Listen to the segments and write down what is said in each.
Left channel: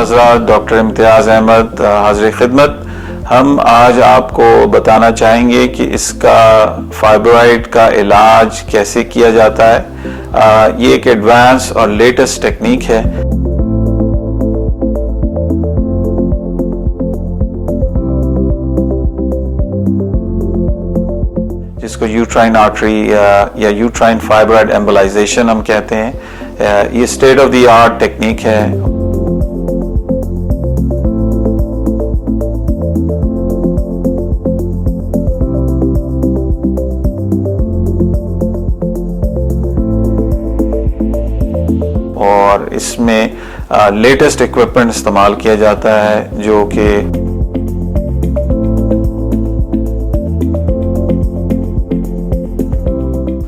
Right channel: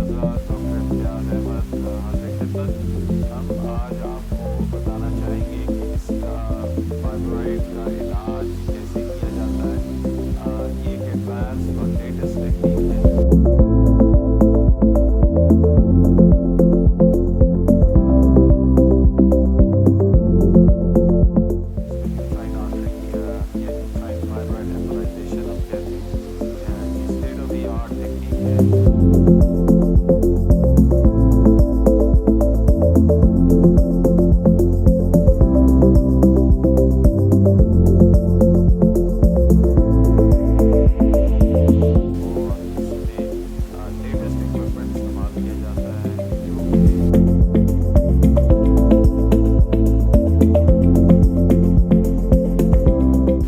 हज़रात, doctor इम्तियाज़ अहमद हाज़िर खिदमत। हम आज आपको बताना चाहेंगे कि इसका फाइब्रॉइड का इलाज कैसे किया जाता है। ये एक एडवांस और लेटेस्ट टेक्निक है। जिसको यूट्राइन आर्टरी या यूट्राइन फाइब्रॉइड एम्बोलाइजेशन हम कहते हैं। ये state of the art technique है। और इसमें लेटेस्ट इक्विपमेंट इस्तेमाल किया जाता है जो कि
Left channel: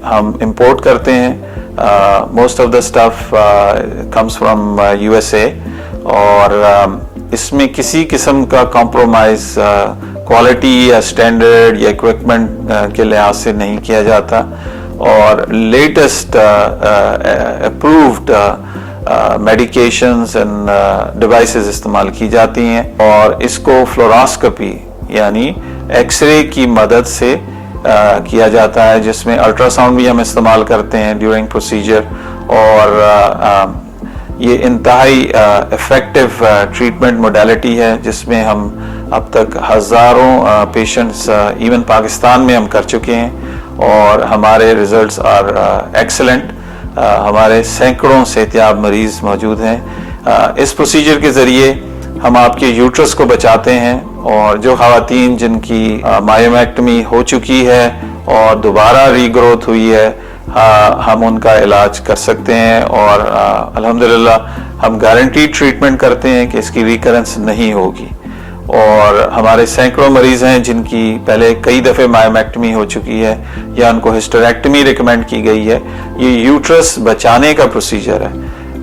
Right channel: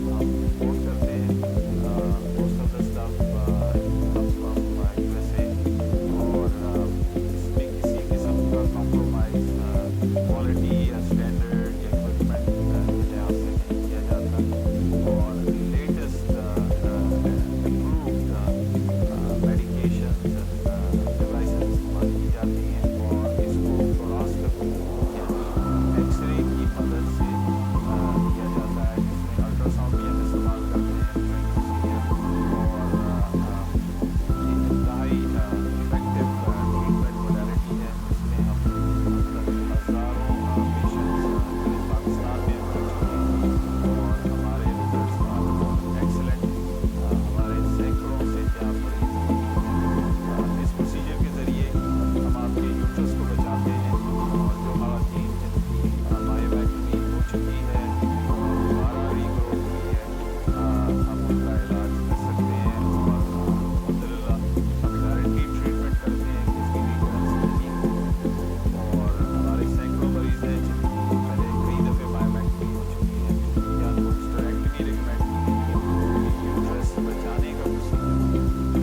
हम इंपोर्ट करते हैं। Most of the stuff comes from USA और इसमें किसी किस्म का कॉम्प्रोमाइज क्वालिटी या स्टैंडर्ड या इक्विपमेंट के लिहाज से नहीं किया जाता और latest approved medications end devices इस्तेमाल की जाती हैं और इसको फ्लोरोस्कोपी यानी एक्सरे की मदद से किया जाता है, जिसमें अल्ट्रासाउंड भी हम इस्तेमाल करते हैं ड्यूरिंग प्रोसीजर। और ये इंतहाई इफ़ेक्टिव ट्रीटमेंट मोडेलिटी है जिसमें हम अब तक हज़ारों पेशेंट्स इवन पाकिस्तान में हम कर चुके हैं और हमारे रिजल्ट्स आर एक्सेलेंट। हमारे सैकड़ों सेहतियाब मरीज़ मौजूद हैं। इस प्रोसीजर के ज़रिए हम आपके यूट्रस को बचाते हैं और जो ख़वातीन जिनकी मायोमेक्टमी हो चुकी है और दोबारा रीग्रोथ हुई है, हम उनका इलाज कर सकते हैं और अल्हम्दुलिल्लाह हम गारंटीड ट्रीटमेंट करते हैं कि इसकी रिकरेंस नहीं होगी। और हमारे सैकड़ों मरीज़ हैं जिनकी पहले कई दफ़े मायोमेक्टमी हो चुकी है या उनको हिस्टेरेक्टमी रिकमेंड की गई है। ये यूट्रस बचाने का प्रोसीजर है।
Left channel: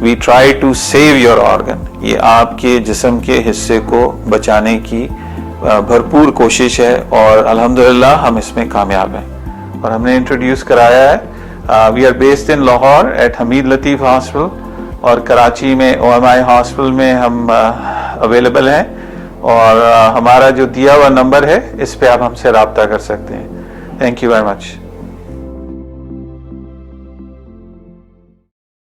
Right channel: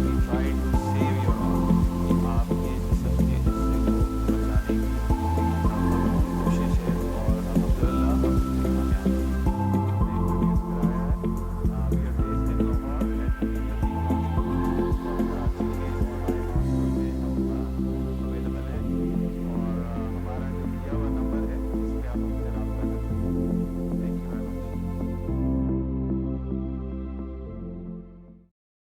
We try to save your organ. ये आपके जिस्म के हिस्से को बचाने की भरपूर कोशिश है और अल्हम्दुलिल्लाह हम इसमें कामयाब हैं। और हमने इंट्रोड्यूस कराया है। We are based in Lahore at Hameed Latif hospital और कराची में OMI हॉस्पिटल में हम अवेलेबल हैं। और हमारा जो दिया हुआ नंबर है इस पे आप हमसे रब्ता कर सकते हैं। Thank you very much.